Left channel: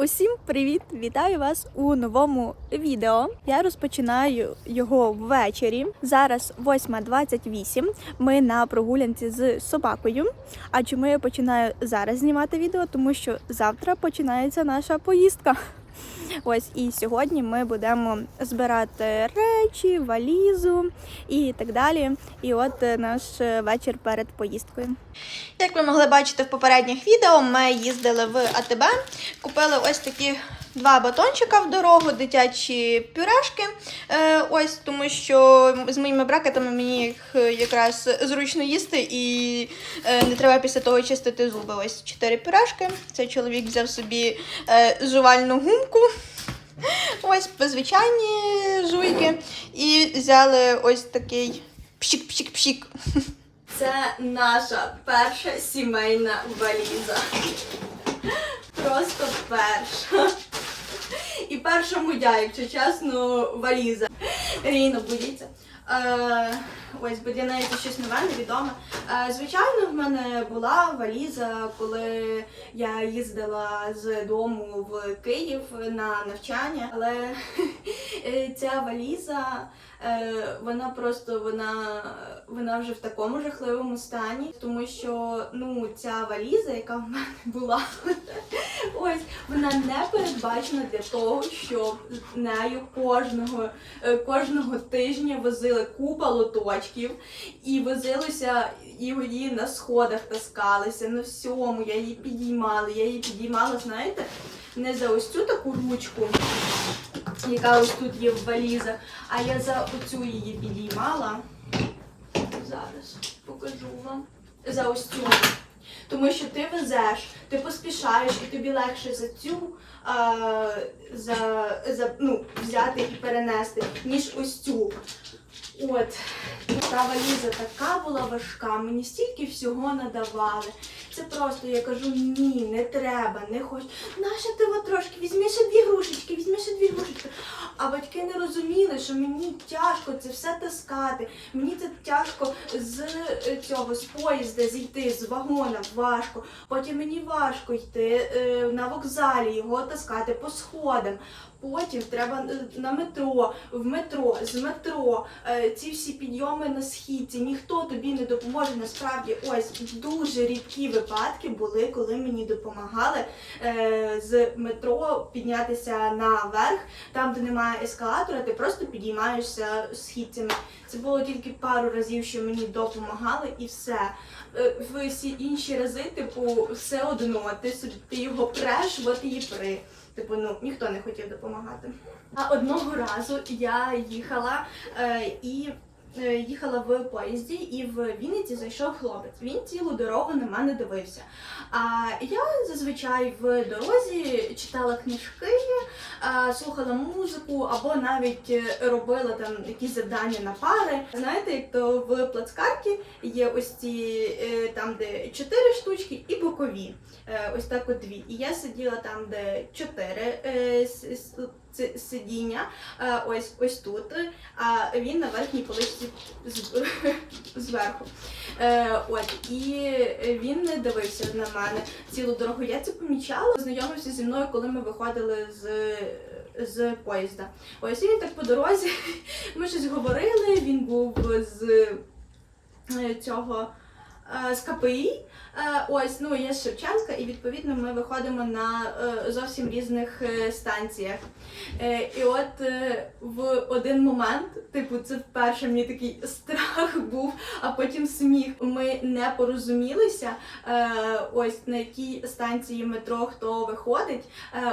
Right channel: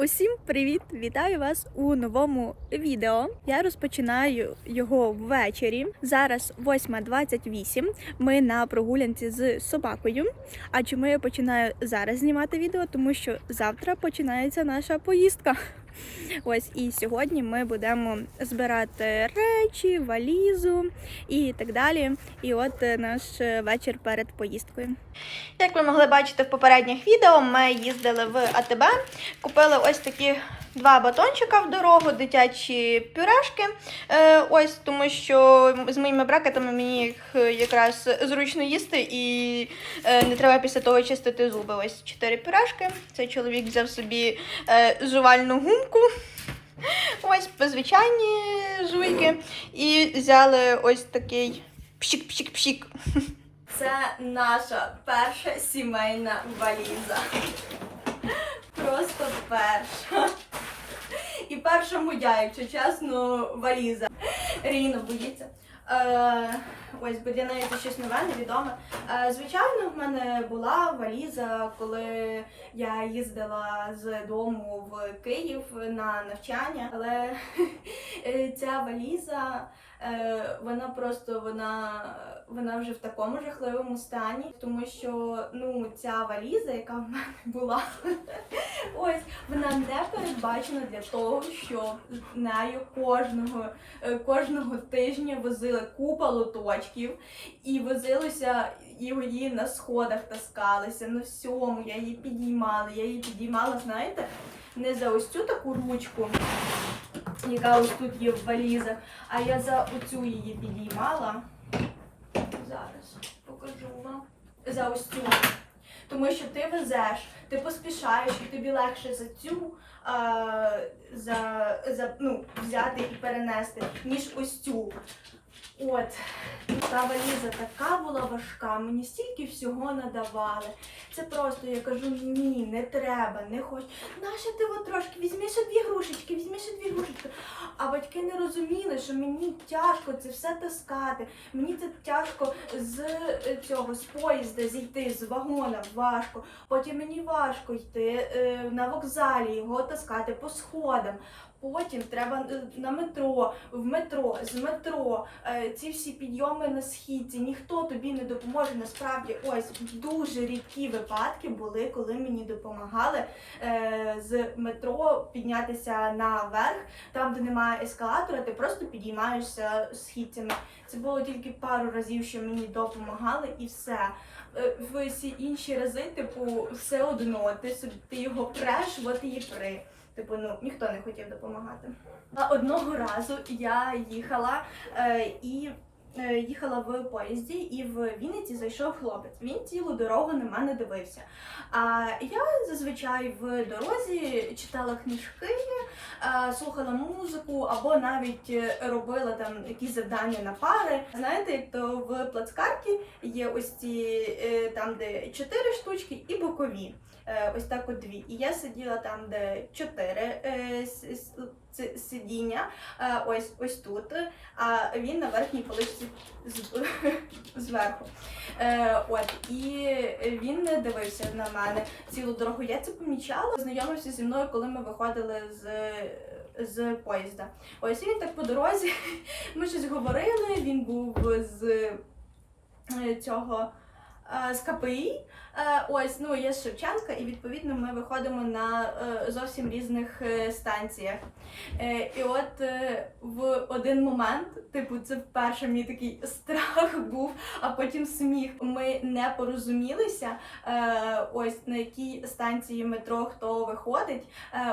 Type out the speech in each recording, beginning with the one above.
Усім привіт! Вітаю вас у новому відео. Я розпочинаю його ввечері. Зараз 8.28. Ми на прогулянці з собакою. А чому я починаю зараз знімати відео? Тому що завтра починається наша поїздка. Ось і сьогодні ми будемо збирати речі, валізу і так далі. І от е, наш е, вечір перед поїздкою. Як ви могли бачити в попередніх відео, ми їздили в АТБ, купили ось такі два батончика в дорогу, дитячі пюрешки. Е, ось тому, що з моїми брекетами мені їх е, якраз зручно їсти і е, не треба після того чистити зуби. Ось чотири пюрешки. Цей чоловік взяв собі жувальну гумку. Ось звичайні жуйки. І взяли ось такий пшік-пшік-пшік. Це наша перша сімейна валіза. Просто перша. Перша моя, якщо чесно, валіза. Ріна боїться. Е, ось, бо для неї це щось нове, невідоме. Е, звичайно, в мене була валіза, коли я їздила з дому в Київ на навчання, але е, ця валіза. Е, вона просто вона, вона вже в такому жахливому стані, тому що ну ця валіза, яка в мене була, ось вона не передбачена для того, щоб нею кожного, е, кожного тижня возили купа лоточків і возилися і її на сходах таскалися, на всьому. Я її підіймала. Я її підіймала, знаєте, не за ось цю таку ручку яка ось тут є в валізах, а я за оцю її підіймала. Зараз покажу вам. За ось цю. Тому що ти везеш, ти поспішаєш і тобі легше за цю а, за, за, ну, взяти і перенести, ніж ось цю. От, та валіза така була важка, мені стільки всього надавали. Це просто я кажу, ні, не треба, не хочу. Наша ти от трошки, візьми ще дві грушечки, візьми ще дві грушечки. А батьки не розуміли, що мені тяжко це все таскати. Мені це тяжко з е, цього з поїзда зійти, з вагона важко. Потім мені важко йти е, на вокзалі, його таскати по сходам. Потім треба е, на метро, в метро, з метро, е, ці всі підйоми на східці. Ніхто тобі не допоможе. Насправді, ось дуже рідкі випадки були, коли мені допомагали е, з метро піднятися наверх, там, де немає ескалатора, ти просто підіймаєшся східцями. Це було тільки пару разів, що мені допомагали, і все. В всі інші рази, типу, все одно, ти собі ти його преш, от і при. Типу, ну ніхто не хотів допомагати. А одного разу я їхала е, і е, їхала в поїзді, і в Вінниці зайшов хлопець. Він цілу дорогу на мене дивився. А я зазвичай в дорозі читала книжки, е, слухала музику або навіть робила там якісь завдання на пари. Знаєте, то в плацкарті є ось ці е, там, де чотири штучки, і бокові. Е, Ось так от дві. І я сиділа там, де чотири е, сидіння, е, ось ось тут, а він на верхній поличці зверху. От і він не дивився на мене цілу дорогу. Я це помічала. Знайомився зі мною, коли ми виходили з. З поїзда. Ось він так по дорозі. Ми щось говорили. Він був з цього з КПІ. Е, Ось, ну я з Шевченка, і відповідно ми виходимо на е, зовсім різних е, станціях. І от в один момент, типу, це вперше мені такий страх був, а потім сміх. Ми не порозумілися. Ось на якій станції метро хто виходить.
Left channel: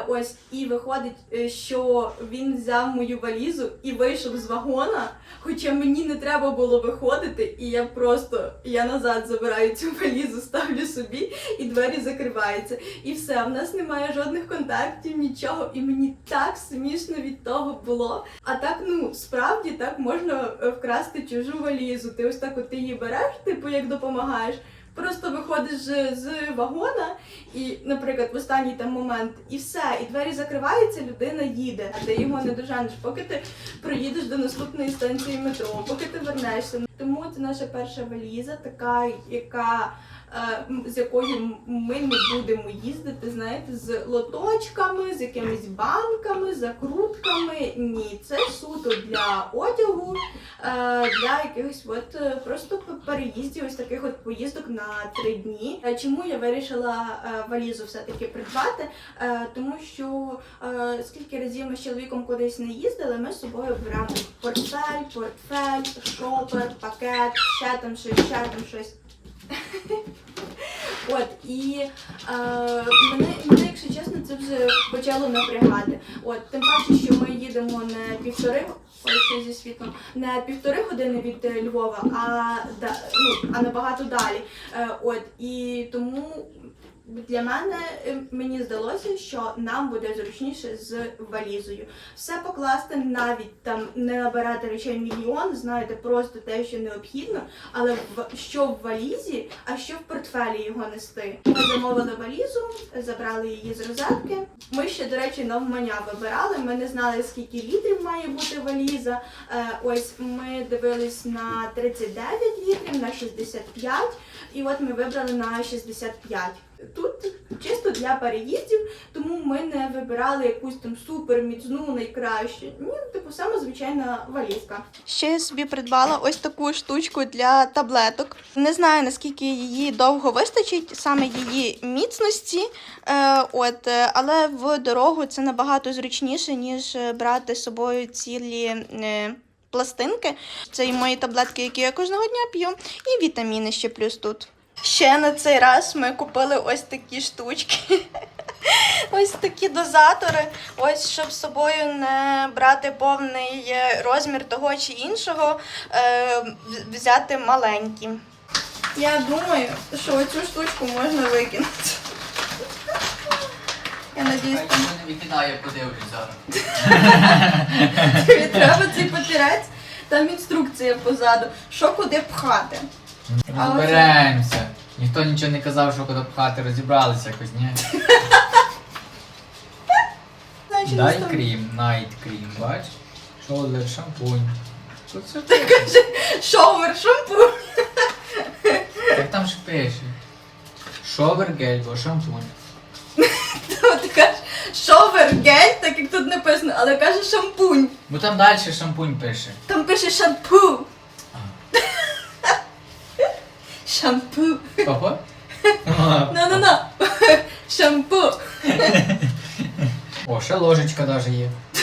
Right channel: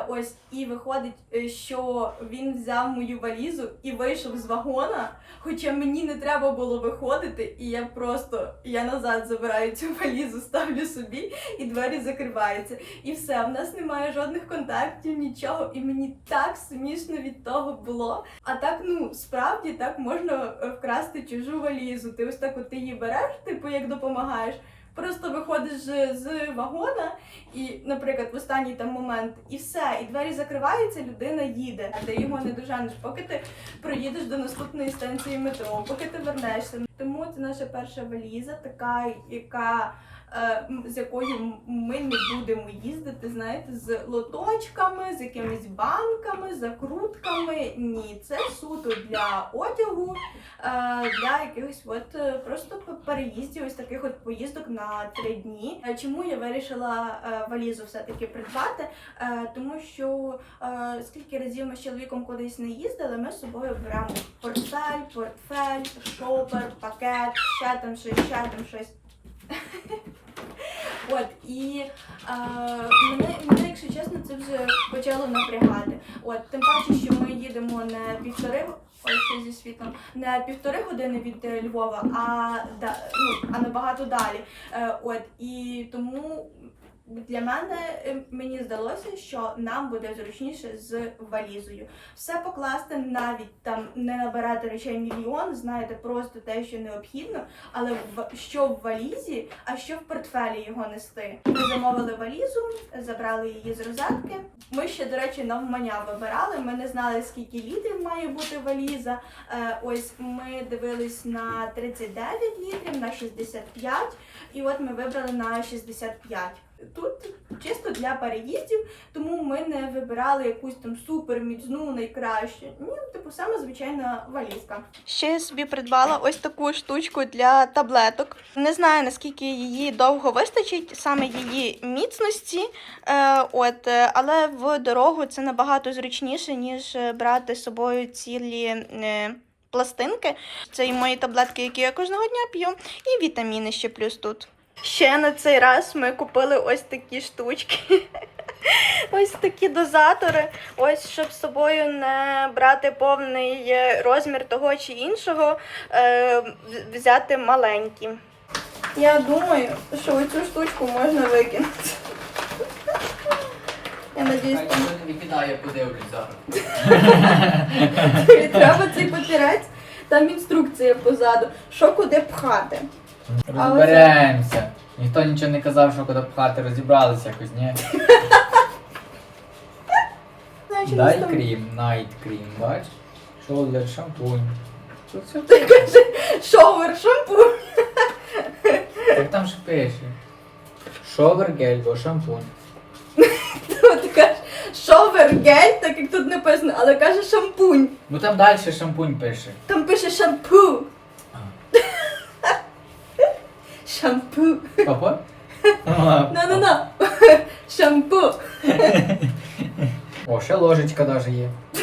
Ось і виходить, що він взяв мою валізу і вийшов з вагона. Хоча мені не треба було виходити, і я просто я назад забираю цю валізу, ставлю собі, і двері закриваються. І все, в нас немає жодних контактів, нічого. І мені так смішно від того було. А так, ну справді так можна е, вкрасти чужу валізу. Ти ось так от ти її береш, типу як допомагаєш. Просто виходиш з вагона, і, наприклад, в останній там момент, і все, і двері закриваються, людина їде. Ти його не доженеш, поки ти проїдеш до наступної станції метро, поки ти вернешся. Тому це наша перша валіза, така, яка з якою ми не будемо їздити, знаєте, з лоточками, з якимись банками, закрутками. Ні, це суто для одягу, е, для якихось от е, просто переїздів, ось таких от поїздок на три дні. Е, Чому я вирішила е, валізу все-таки придбати? Е, Тому що е, скільки разів ми з чоловіком кудись не їздили, ми з собою беремо портфель, портфель, шопер, пакет, ще там щось, ще там щось. От і е, мене, мене, якщо чесно, це вже почало напрягати. От тим паче, що ми їдемо не півтори ось зі світлом, не півтори години від е, Львова, а да, ну, а набагато далі. Е, от і тому для мене е, мені здалося, що нам буде зручніше з валізою. Все покласти, навіть там не набирати речей мільйон, знаєте, просто те, що необхідно, але в що в валізі, а що в портфелі його нести. Ми замовили валізу, забрали її з розетки. Ми ще, до речі, навмання вибирали. Ми не знали, скільки літрів має бути валіза. Е, ось ми дивились на 39 літрів, на 65, і от ми вибрали на 65. Тут чисто для переїздів, тому ми не вибирали якусь там супер міцну, найкращу. Ні, типу саме звичайна валізка. Ще я собі придбала ось таку штучку для таблеток. Не знаю наскільки її довго вистачить, саме її міцності. Е, от, е, але в дорогу це набагато зручніше, ніж е, брати з собою цілі е, пластинки. Це і мої таблетки, які я кожного дня п'ю, і вітаміни ще плюс тут. Ще на цей раз ми купили ось такі штучки. Ось такі дозатори. Ось щоб з собою не брати повний е, розмір того чи іншого, е, взяти маленькі. Я думаю, що цю штучку можна викинути. Я надіюсь, там не викидаю, подивлюся. треба цей папірець. Там інструкція позаду, що куди пхати. Розберемося. Ніхто нічого не казав, що куди пхати, розібралися якось, ні? Дай крім, найт крім, бач? Шолдер, шампунь. Ти каже, шовер, шампунь. так там ж пише. Шовер гель, бо шампунь. Ти кажеш шовер гель, так як тут написано, але каже шампунь. Ну там далі шампунь пише. Там пише шампу. Шампу. Опа? На-на-на. Шампу. О, ще ложечка даже є.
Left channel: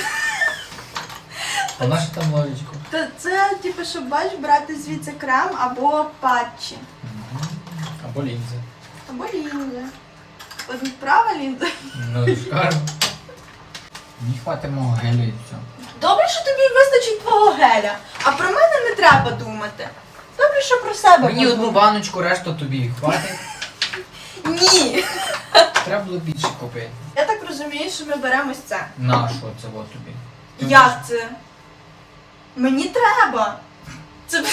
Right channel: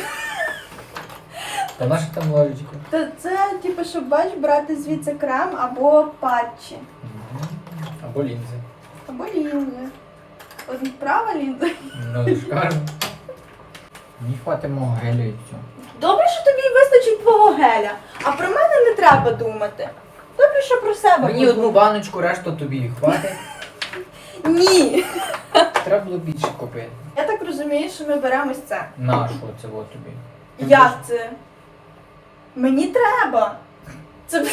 А наша там ложечка? То це, типу, щоб бач, брати звідси крем або патчі. Мгм. Або лінзи. Або лінзи. От права лінза. Ну, шкарм. Мені хватить мого гелю і все. Добре, що тобі вистачить твого геля, а про мене не треба думати. Добре, що про себе. Мені одну баночку, решту тобі хватить. Ні. Треба було більше купити. Я так розумію, що ми беремо ось це. На що це от тобі? Як це? Мені треба. Це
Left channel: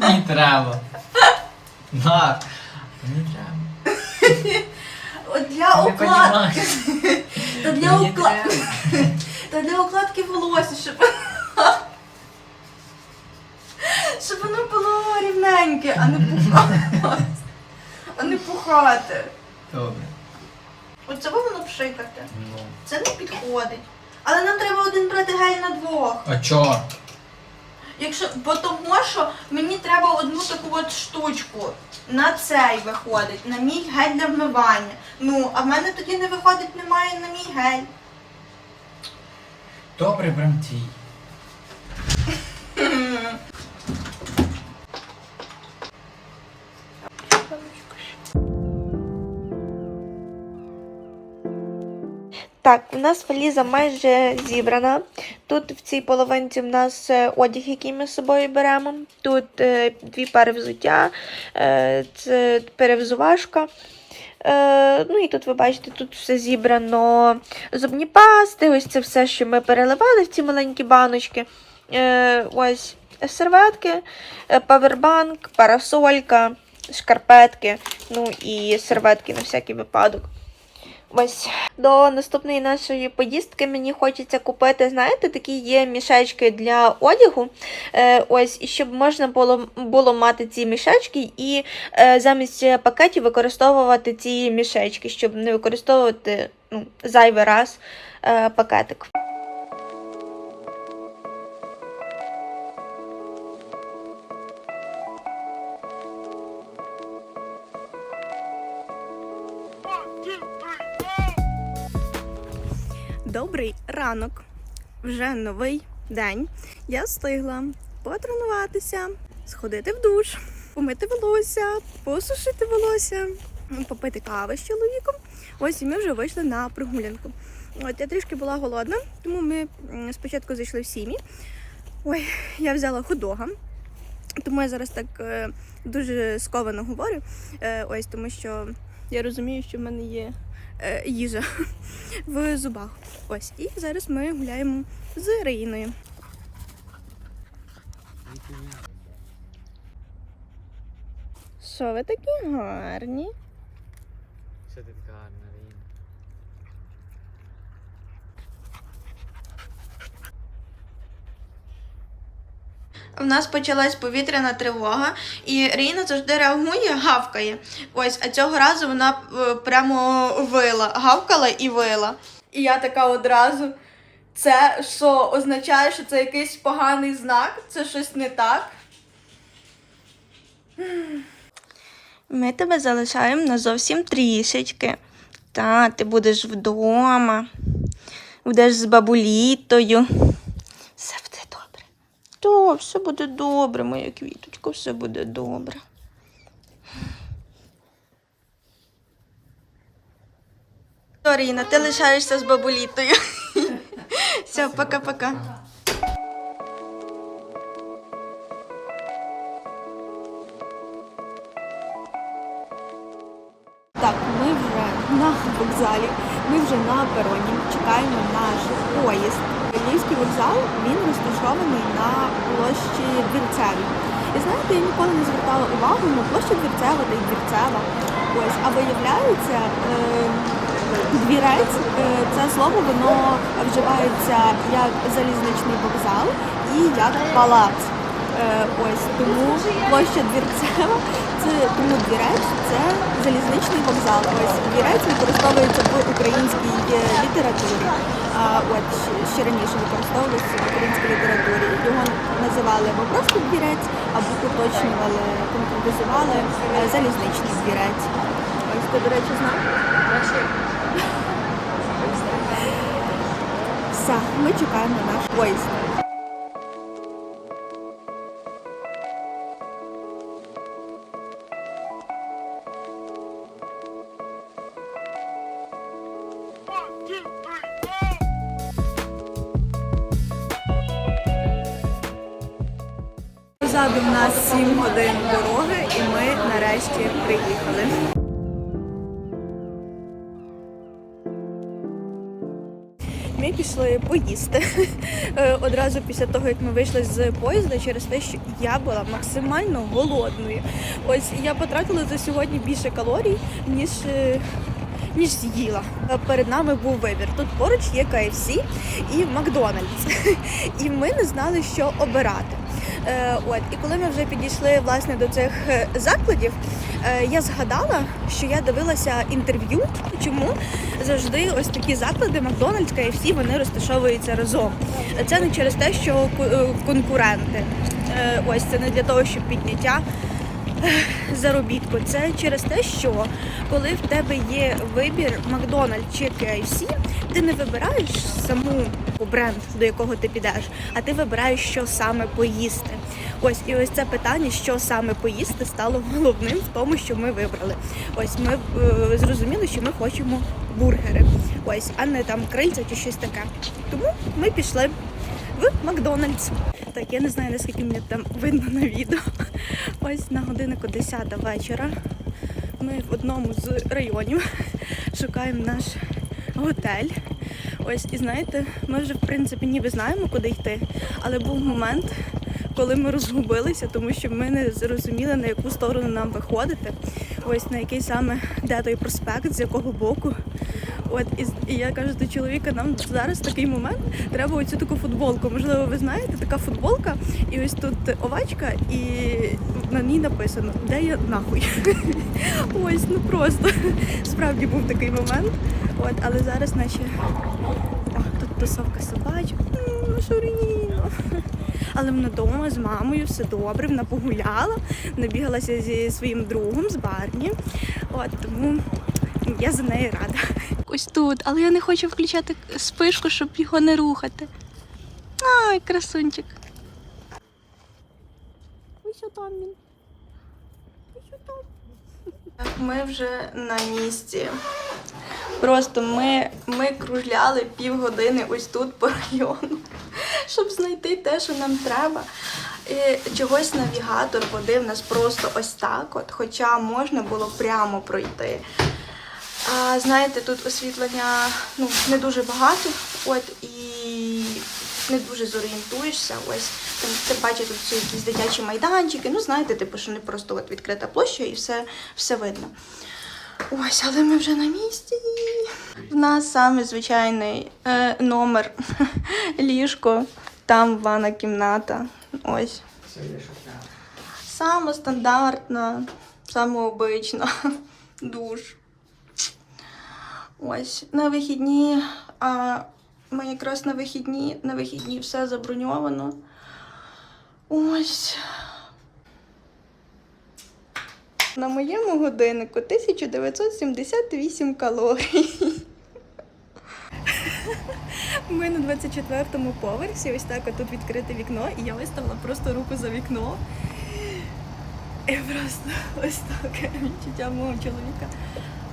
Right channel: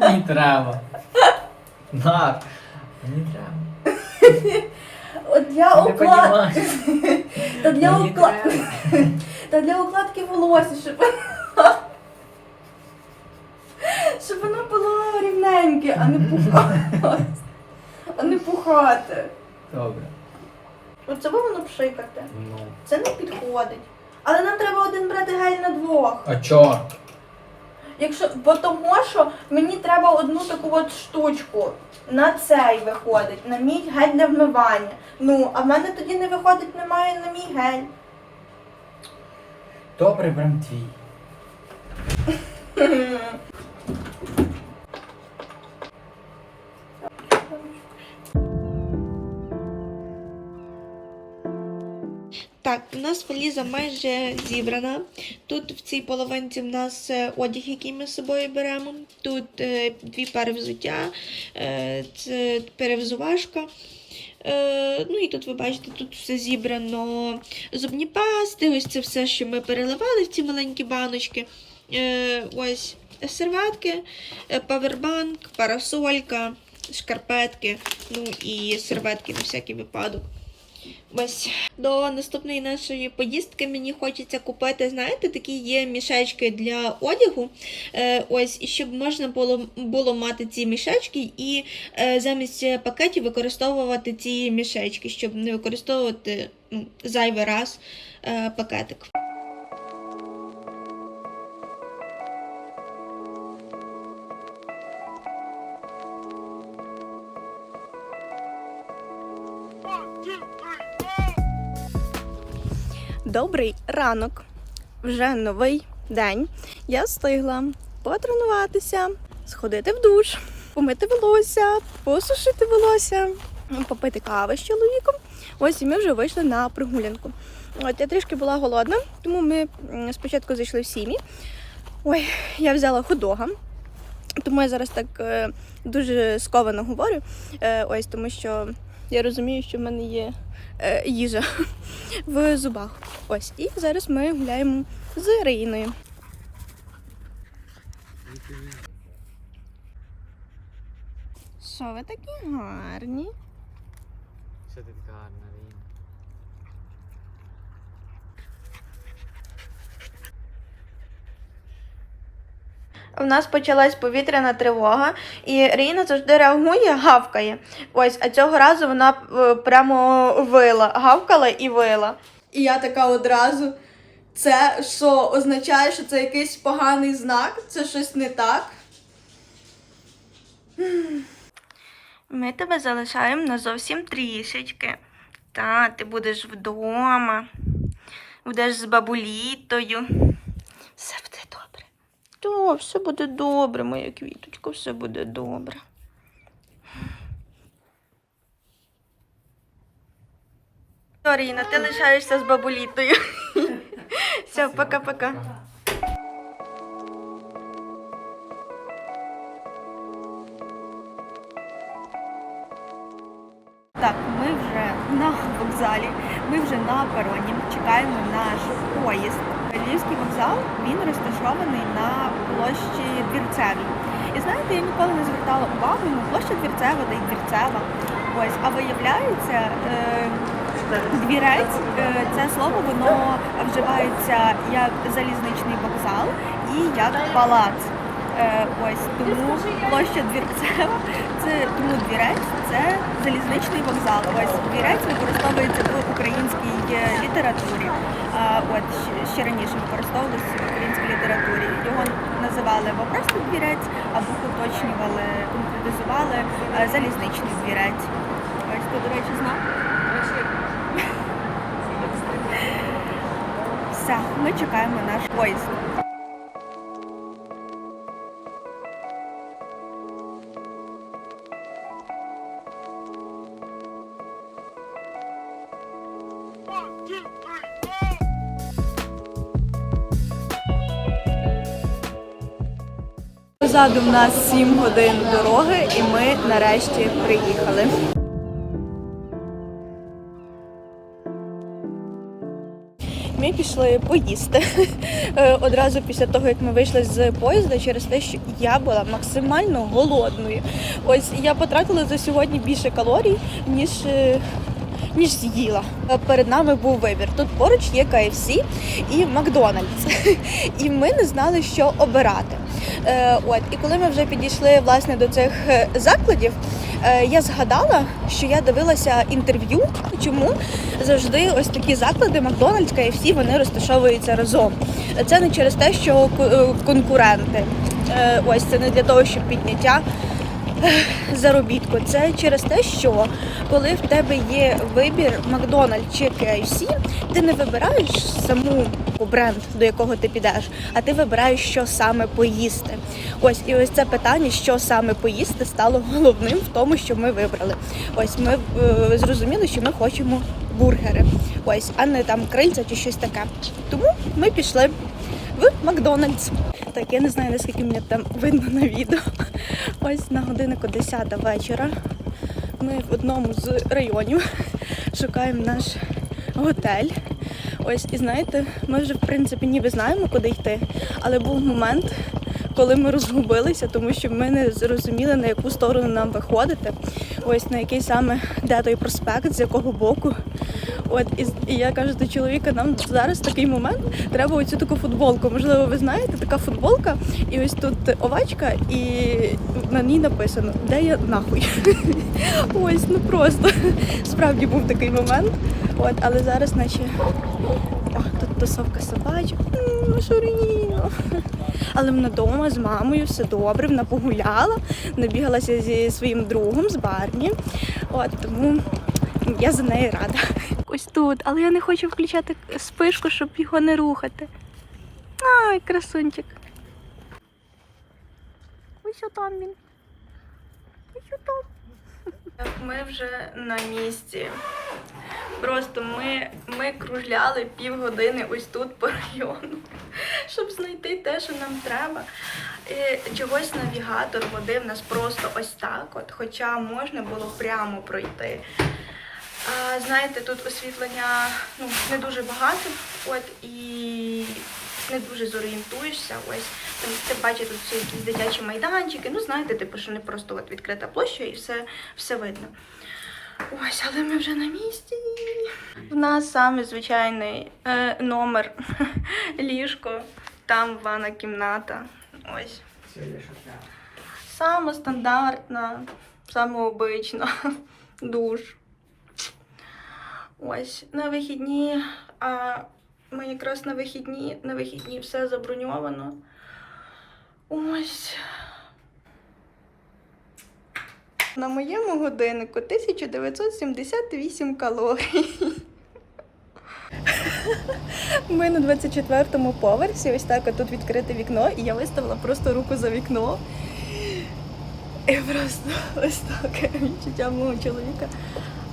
Мені треба. На. Мені треба. от для Ти не укладки. понімаєш. Та для Мені укладки. треба. Та для укладки волосся, щоб. Щоб воно було рівненьке, а не пухати. А не пухати. Добре. Оце воно пшикати. Ну. Це не підходить. Але нам треба один брати гель на двох. А чо? Якщо, бо того, що мені треба одну таку от штучку на цей виходить, на мій гель для вмивання. Ну, а в мене тоді не виходить, немає на мій гель. Добре, прям твій. Так, у нас валіза майже зібрана. Тут в цій половинці в нас е, одяг, який ми з собою беремо. Тут е, дві пари взуття, е, це перевзувашка. Е, ну і тут ви бачите, тут все зібрано. Зубні пасти, ось це все, що ми переливали в ці маленькі баночки. Е, ось серветки, е, павербанк, парасолька, шкарпетки, ну і серветки на всякий випадок. Ось до наступної нашої поїздки мені хочеться купити, знаєте, такі є мішечки для одягу. Е, ось, і щоб можна було, було мати ці мішечки і е, замість пакетів використовувати ці мішечки, щоб не використовувати ну, зайвий раз е, пакетик. Добрий ранок. Вже новий день. Я встигла потренуватися, сходити в душ, помити волосся, посушити волосся, попити кави з чоловіком. Ось і ми вже вийшли на прогулянку. От я трішки була голодна, тому ми спочатку зайшли в сім'ї. Ой, я взяла худога. Тому я зараз так е, дуже сковано говорю. Е, ось тому що я розумію, що в мене є е, їжа в зубах. Ось, і зараз ми гуляємо з Раїною. Що ви такі гарні? Що ти така гарна, Ріна? В нас почалась повітряна тривога, і Ріна завжди реагує, гавкає. Ось, а цього разу вона е, прямо вила, гавкала і вила. І я така одразу. Це що означає, що це якийсь поганий знак? Це щось не так. Ми тебе залишаємо на зовсім трішечки. Та, ти будеш вдома, будеш з бабулітою. Все. То, все буде добре, моя квіточко, все буде добре. Оріна, ти лишаєшся з бабулітою. Все, пока-пока. Так, ми на вокзалі, ми вже на пероні, чекаємо наш поїзд. Львівський вокзал він розташований на площі Двірцевій. І знаєте, я ніколи не звертала увагу на площа Двірцева та й Двірцева. Ось, а виявляється, е, двірець е, це слово воно вживається як залізничний вокзал і як палац. Е, ось тому площа Двірцева це тому двірець це залізничний вокзал. Ось двірець використовується в українській е, літературі. А, От ще раніше використовувався в українській літературі. Його називали або просто двірець, або уточнювали, конкретизували е, залізничний двірець. Ось ти, до речі, знав? Все, ми чекаємо наш поїзд. Позаду в нас 7 годин дороги, і ми нарешті приїхали. Ми пішли поїсти Е, одразу після того, як ми вийшли з поїзда, через те, що я була максимально голодною. Ось я потратила за сьогодні більше калорій, ніж. Ніж з'їла. Перед нами був вибір. Тут поруч є KFC і Макдональдс. І ми не знали, що обирати. Е, От, і коли ми вже підійшли власне до цих е, закладів, е, я згадала, що я дивилася інтерв'ю, чому завжди ось такі заклади Макдональдс, KFC, вони розташовуються разом. Це не через те, що конкуренти. Ось це не для того, щоб підняття заробітку. Це через те, що коли в тебе є вибір Макдональдс чи KFC, ти не вибираєш саму бренд, до якого ти підеш, а ти вибираєш, що саме поїсти. Ось і ось це питання, що саме поїсти, стало головним в тому, що ми вибрали. Ось ми е, зрозуміли, що ми хочемо бургери. Ось, а не там крильця чи щось таке. Тому ми пішли в Макдональдс. Так, я не знаю, наскільки мені там видно на відео. Ось на годиннику 10 вечора. Ми в одному з районів шукаємо наш готель. Ось, і знаєте, ми вже в принципі ніби знаємо, куди йти. Але був момент, коли ми розгубилися, тому що ми не зрозуміли, на яку сторону нам виходити. Ось на який саме де той проспект, з якого боку. От і, і я кажу до чоловіка, нам зараз такий момент треба оцю таку футболку. Можливо, ви знаєте, така футболка, і ось тут овачка, і на ній написано, де я нахуй. Ось, ну просто справді був такий момент. От, але зараз наче тут тусовка собачок. Шуріно. Але вона вдома з мамою все добре, вона погуляла, набігалася зі своїм другом, з Барні. От тому я за неї рада. Ось тут, але я не хочу включати спишку, щоб його не рухати. Ай, красунчик. Ось там він. Ось там. Ми вже на місці. Просто ми, ми кружляли півгодини ось тут по району, щоб знайти те, що нам треба. І чогось навігатор водив нас просто ось так, от, хоча можна було прямо пройти. А, знаєте, тут освітлення ну, не дуже багато, от і не дуже зорієнтуєшся. Ось там ти бачиш тут всі якісь дитячі майданчики. Ну, знаєте, типу, що не просто от відкрита площа і все, все видно. Ось, але ми вже на місці. В нас саме звичайний е, номер ліжко, там ванна кімната. Ось. Саме стандартна, саме обична душ. Ось на вихідні, а ми якраз на вихідні, на вихідні все заброньовано. Ось. На моєму годиннику 1978 калорій. Ми на 24-му поверсі, ось так тут відкрите вікно, і я виставила просто руку за вікно. І просто ось так відчуття мого чоловіка.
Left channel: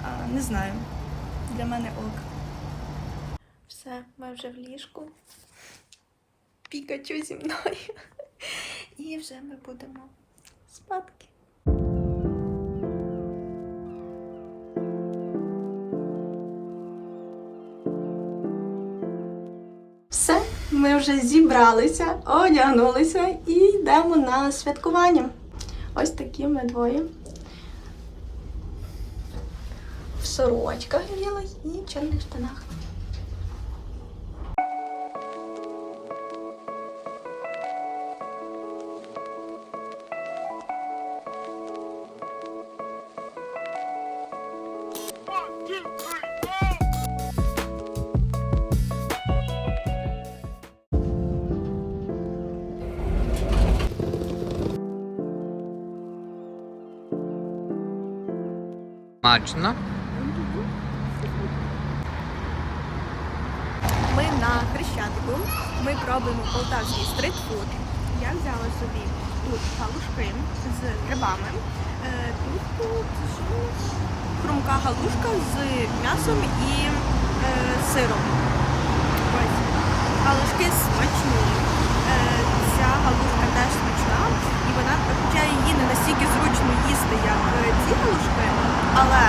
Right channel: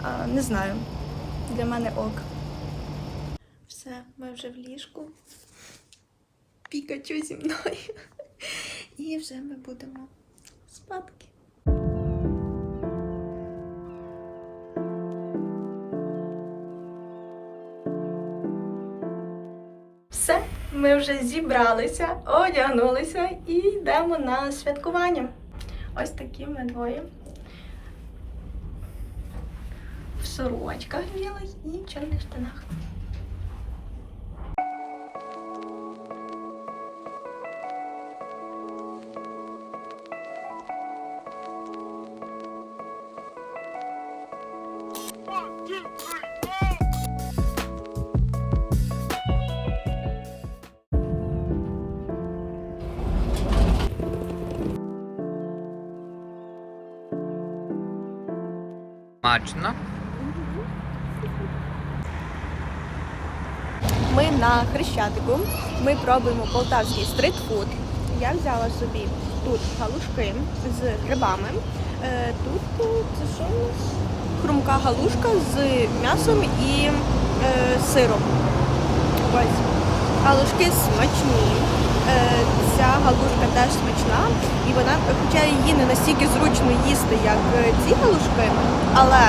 А, не знаю. Для мене ок. Все, ми вже в ліжку. Пікачу зі мною. І вже ми будемо спадки. Ми вже зібралися, одягнулися і йдемо на святкування. Ось такі ми двоє. В сорочках білих і чорних штанах. Смачно. Ми на Хрещатику. Ми пробуємо полтавський стритфуд. Я взяла собі тут галушки з грибами. Е, Тут це що? Хрумка галушка з м'ясом і е, сиром. Ось. Галушки смачні. Е, Ця галушка теж смачна, і вона, хоча її не настільки зручно їсти, як е, ці галушки, але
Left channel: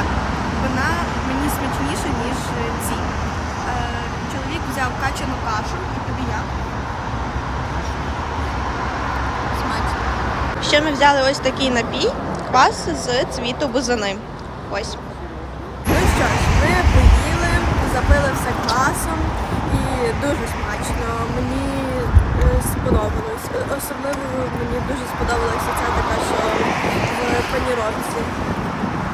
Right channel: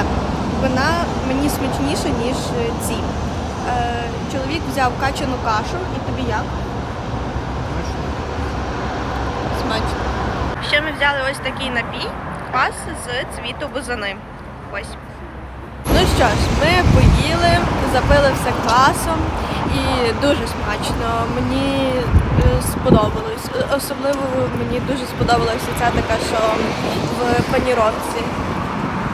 вона мені смачніша, ніж е, ці. Чоловік взяв качану кашу, і тобі як? Смачно. Ще ми взяли ось такий напій, квас з цвіту бузини. Ось. Ну що ж, ми поїли, запили все квасом і дуже смачно. Мені сподобалось. Е, Особливо мені дуже сподобалася ця така, що в паніровці.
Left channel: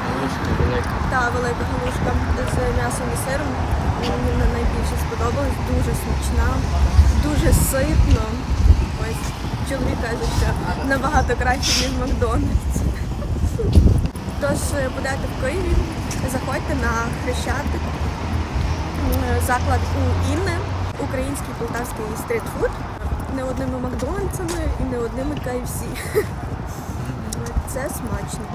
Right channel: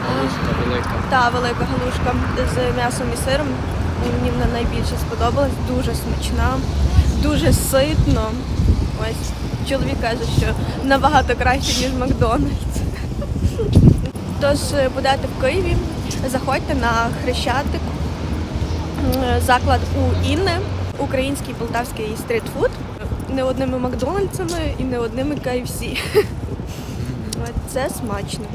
Галушка велика. Та велика галушка з м'ясом і сиром. Мені вона найбільше сподобалась, дуже смачна, дуже ситно. Ось чоловік каже, що набагато краще, ніж Макдональдс. Тож будете в Києві, заходьте на Хрещатик, заклад у Інни, український полтавський стрітфуд. Не одними Макдональдсами і не одними KFC. Це смачно.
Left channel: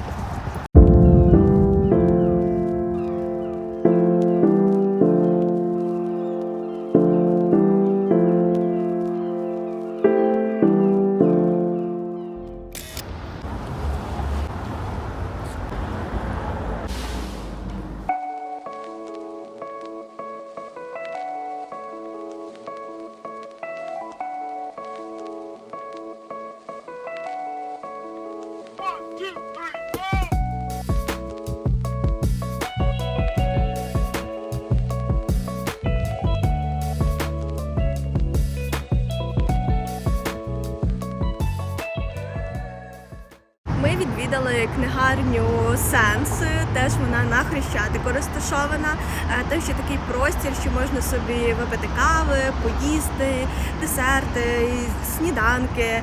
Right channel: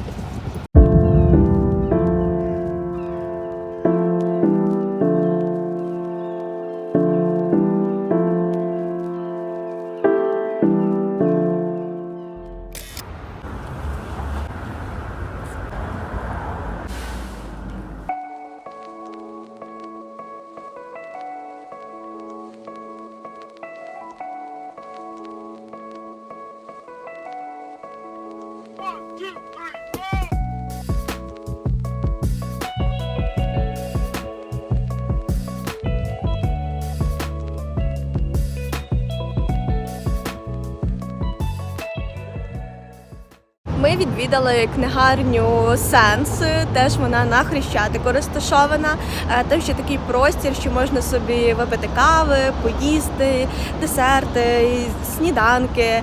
Відвідали книгарню Сенс. Теж вона на Хрещатику розташована. Е, Там ще такий простір, що можна собі випити кави, поїсти, десерти, сніданки. Е,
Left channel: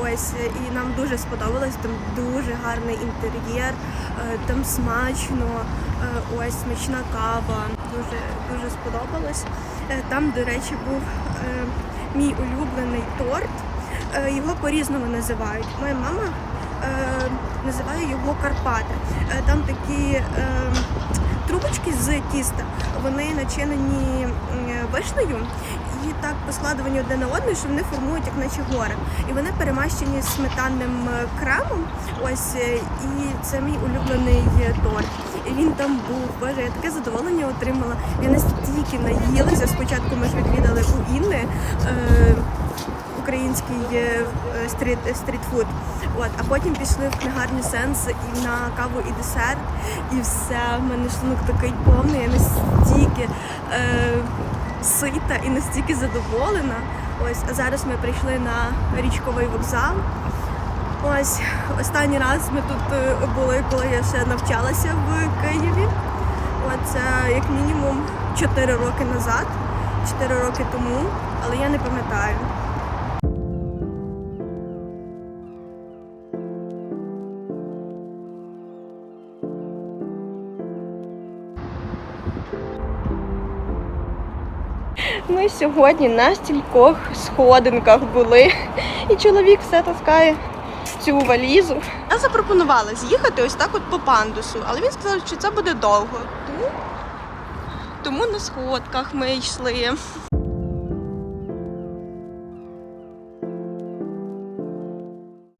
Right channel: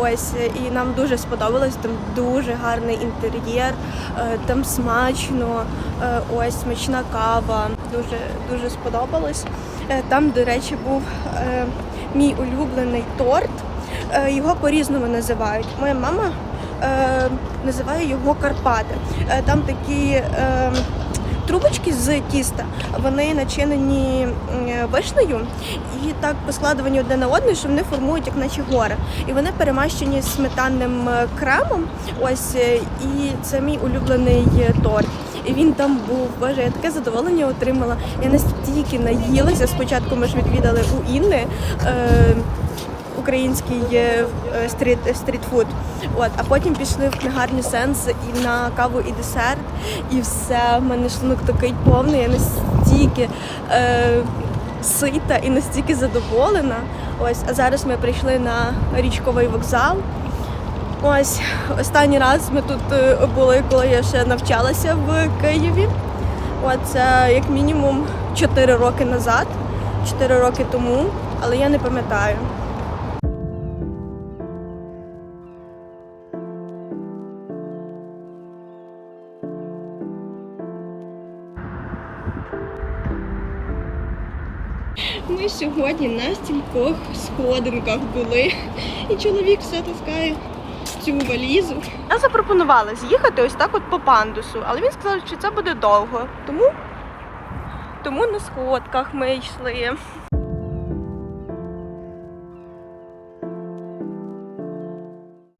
Ось і нам дуже сподобалось. Там дуже гарний інтер'єр, е, там смачно. Ось смачна кава. Дуже дуже сподобалось. Там, до речі, був мій улюблений торт. Його по-різному називають. Моя мама е, називає його Карпати. Е, там такі е, трубочки з тіста, вони начинені вишнею і так поскладувані одне на одне, що вони формують як наче гори. І вони перемащені сметанним е, кремом. Ось е, і це мій улюблений е, торт. І він там був. Боже, я таке задоволення отримала. Я настільки наїлася. Спочатку ми ж відвідали у Інни. Е, український е, е, стріт стрітфуд. От, а потім пішли в книгарню Сенс і на каву і десерт, і все. В мене шлунок такий повний. Я настільки е, сита і настільки задоволена. Ось, а зараз ми прийшли на річковий вокзал. Ось останній раз ми тут е, були, коли я ще навчалася в Києві. Це як мінімум 4 роки назад, 4 роки тому, але я не пам'ятаю. Ми сьогодні на стількох сходинках були, і чоловік все таскає цю валізу. Я запропонувала з'їхати ось так от по пандусу, але він сказав, що це буде довго. Тому, тому на сходках ми йшли.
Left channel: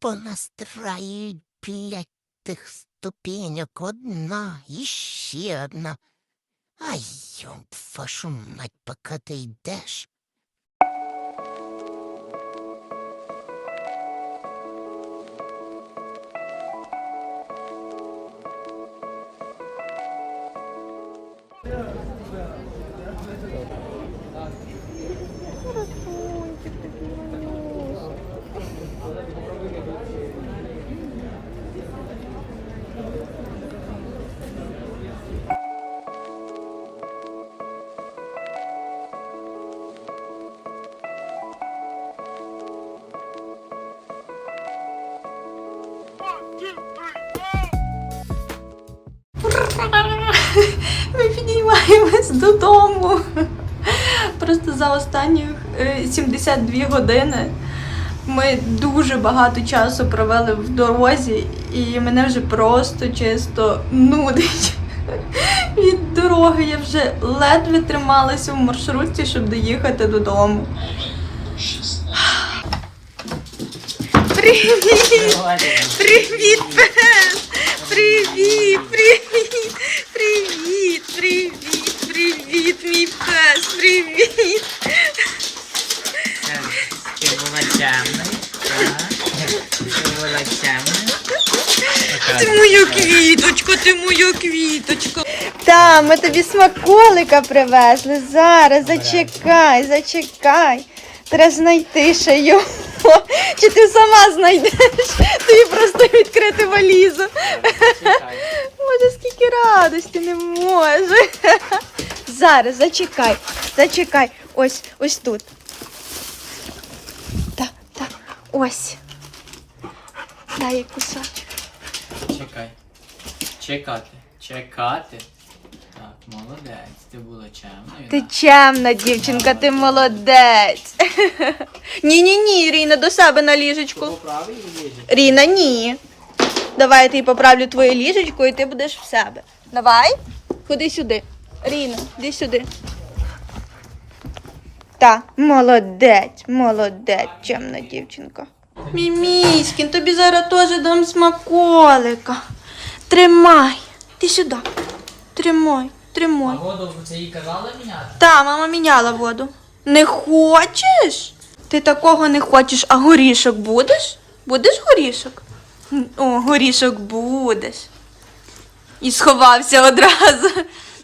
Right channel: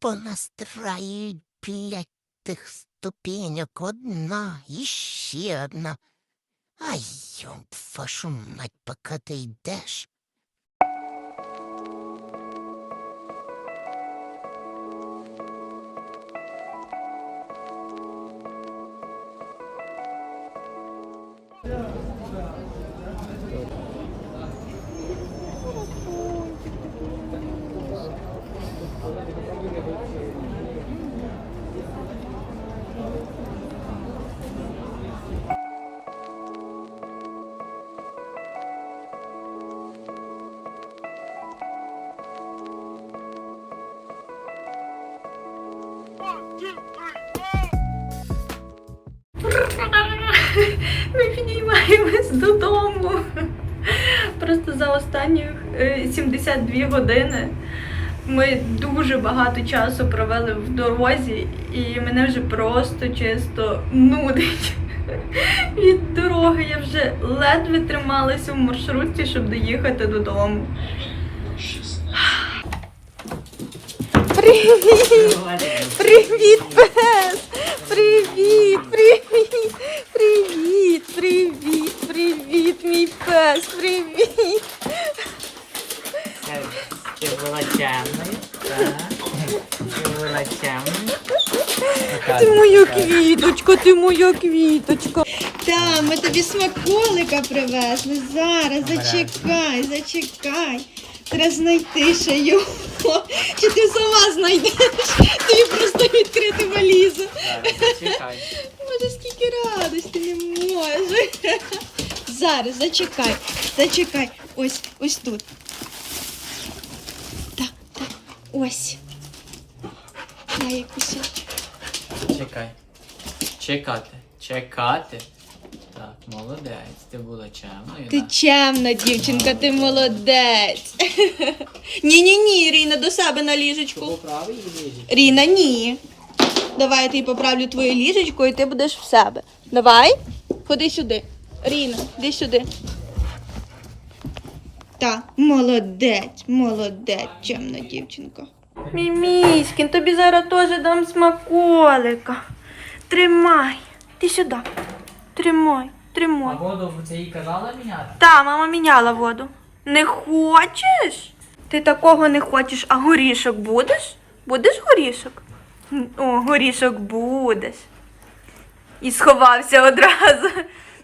понастраюють п'ять тих ступенек одна і ще одна. Ай, йом, вашу мать, поки ти йдеш. Додому. Просто за останні е, 72 години ми дуже багато часу провели в дорозі, і мене вже просто чисто нудить. Від дороги я вже ледве трималася в маршрутці, щоб доїхати додому. Привіт! Привіт, пес! Привіт, привіт, привіт, привіт, привіт, мій пес, привіт! Ти була темною, так? Ти була темною. Квіточко, ти моя квіточко. Та, ми тобі смаколика привезли. Зараз зачекай, зачекай. Треба знайти ще його. Чи ти сама знайдеш? Тобі просто відкрити валізу. Може, скільки радості не може. Зараз зачекай, зачекай. Ось, ось тут. Так, так, ось. Дай кусочок. Чекай. Чекати. Чекати. Так, молодець. Ти була чемною. Ти чемна дівчинка, ти молодець. Ні, ні, ні, Ріна, до себе на ліжечку. Поправи її ліжечко. Ріна, ні. Давай я тобі поправлю твоє ліжечко і ти будеш в себе. Давай. Ходи сюди. Ріна, іди сюди. Та, молодець, молодець, чемна дівчинка. Міміськін, тобі зараз теж дам смаколика. Тримай. Ти сюди. Тримай, А тримай. воду це їй казала міняти? Та, мама міняла воду. Не хочеш? Ти такого не хочеш, а горішок будеш? Будеш горішок? О, горішок будеш. І сховався одразу.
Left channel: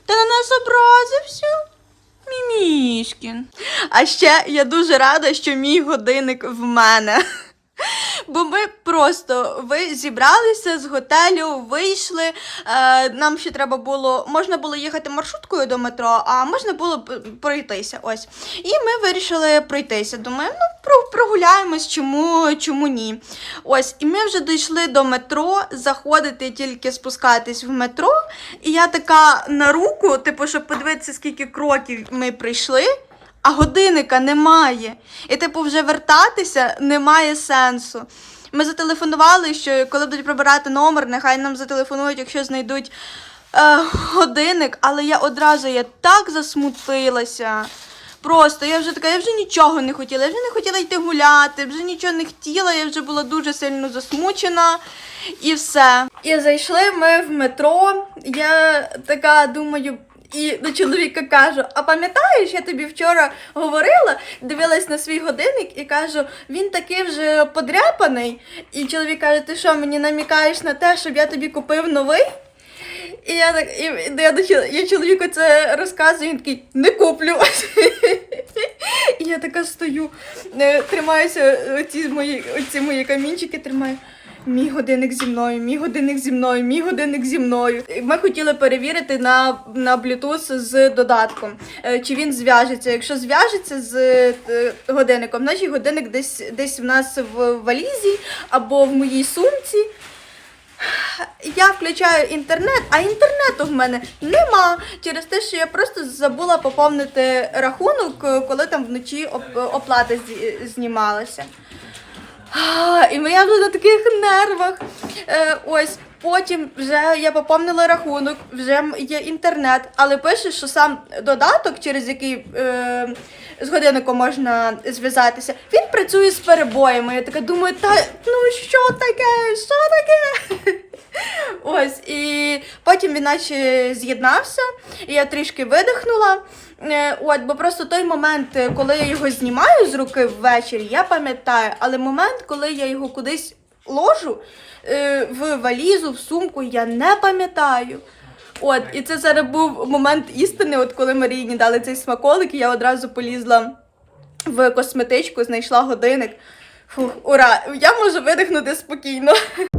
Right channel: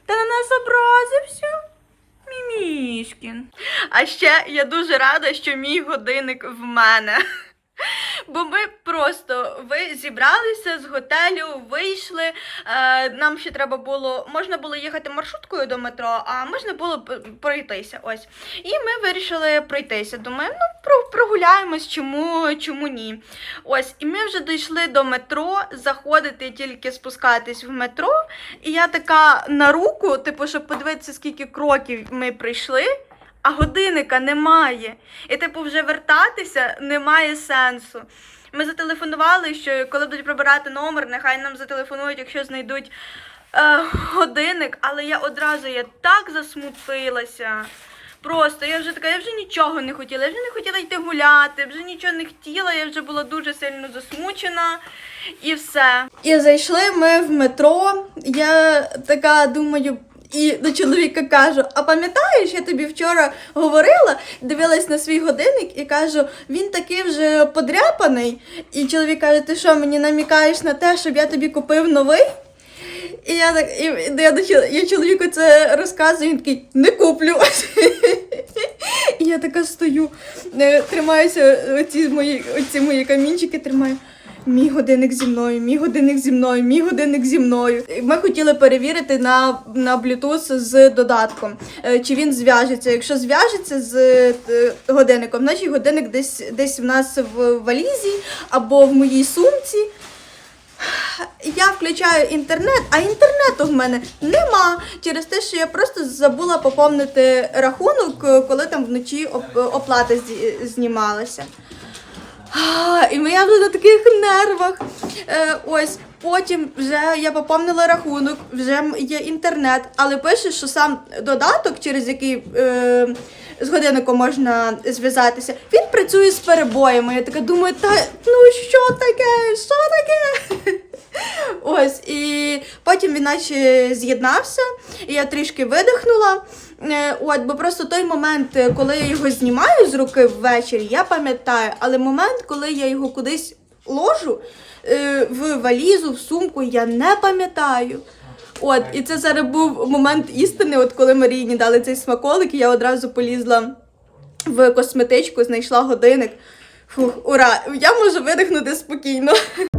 Та на нас образився. Мімішкін. А ще я дуже рада, що мій годинник в мене. Бо ми просто ви зібралися з готелю, вийшли. Е, нам ще треба було, можна було їхати маршруткою до метро, а можна було пройтися. Ось. І ми вирішили пройтися. Думаю, ну прогуляємось, чому, чому ні. Ось, і ми вже дійшли до метро, заходити тільки спускатись в метро. І я така на руку, типу, щоб подивитися, скільки кроків ми прийшли. А годинника немає. І, типу, вже вертатися немає сенсу. Ми зателефонували, що коли будуть прибирати номер, нехай нам зателефонують, якщо знайдуть е, годинник, але я одразу я так засмутилася. Просто я вже така, я вже нічого не хотіла, я вже не хотіла йти гуляти, вже нічого не хотіла, я вже була дуже сильно засмучена і все. І зайшли ми в метро. Я така думаю. І до чоловіка кажу: а пам'ятаєш, я тобі вчора говорила, дивилась на свій годинник і кажу, він такий вже подряпаний. І чоловік каже, ти що, мені намікаєш на те, щоб я тобі купив новий? І я так, і, я, чол- я чоловіку це розказую, він такий, не куплю. І я така стою, е, тримаюся, оці мої, оці мої камінчики тримаю. Мій годинник зі мною, мій годинник зі мною, мій годинник зі мною. Ми хотіли перевірити на, на Bluetooth з додатком, е, чи він зв'яжеться. Якщо зв'яжеться з е, годинником, значить годинник десь десь в нас в валізі або в моїй сумці. Я включаю інтернет, а інтернету в мене нема. Через те, що я просто забула поповнити рахунок, е, коли там вночі оп- оплата знімалася. А, І я вже на таких нервах. Е, ось. Потім вже я поповнила рахунок, вже є інтернет, але пише, що сам додаток, через який е, з годинником можна зв'язатися, він працює з перебоями. Я така думаю, та ну що таке? Що таке? Ось, і потім він наче з'єднався, і я трішки видихнула. Е, От, бо просто той момент, е, коли я його знімаю з руки ввечері, я пам'ятаю, але момент, коли я його кудись ложу е, в валізу, в сумку, я не пам'ятаю. От, і це зараз був момент істини, от коли Маріїні дали цей смаколик, і я одразу полізла в косметичку, знайшла годинник. Фух, ура! Я можу видихнути спокійно.